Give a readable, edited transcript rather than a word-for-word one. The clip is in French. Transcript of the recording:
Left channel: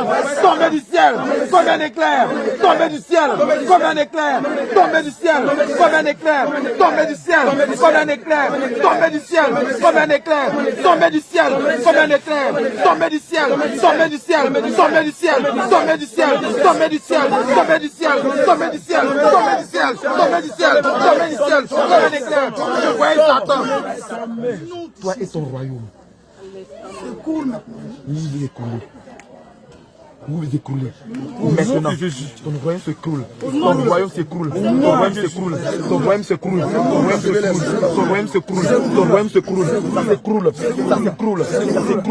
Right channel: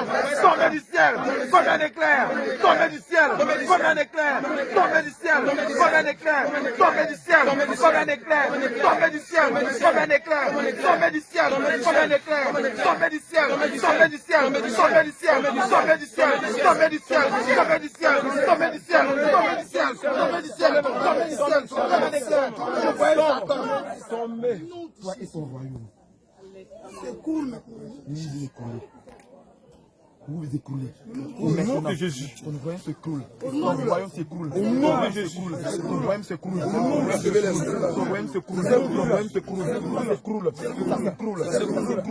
Satan, tombez du ciel, comme un éclair, tombez du ciel, comme un éclair, tombez du ciel, comme un éclair, tombez du ciel, comme un éclair, tombez du ciel, comme un éclair, tombez du ciel, comme un éclair, tombez du ciel, tombez du ciel, tombez du ciel, tombez du ciel, tombez du ciel, tombez du ciel, tombez du ciel, tombez du ciel, tombez du ciel, tombez du ciel, comme un éclair. Je voyais Satan. Toi et ton royaume. Il est écoulé. Vous vous écroulez. Maintenant, ton royaume s'écroule. Ton royaume s'écroule. Ton royaume s'écroule. Ton royaume s'écroule. Ton royaume s'écroule. Ton royaume s'écroule. Ton royaume s'écroule. Ça s'écroule. Ça s'écroule. Ça s'écroule.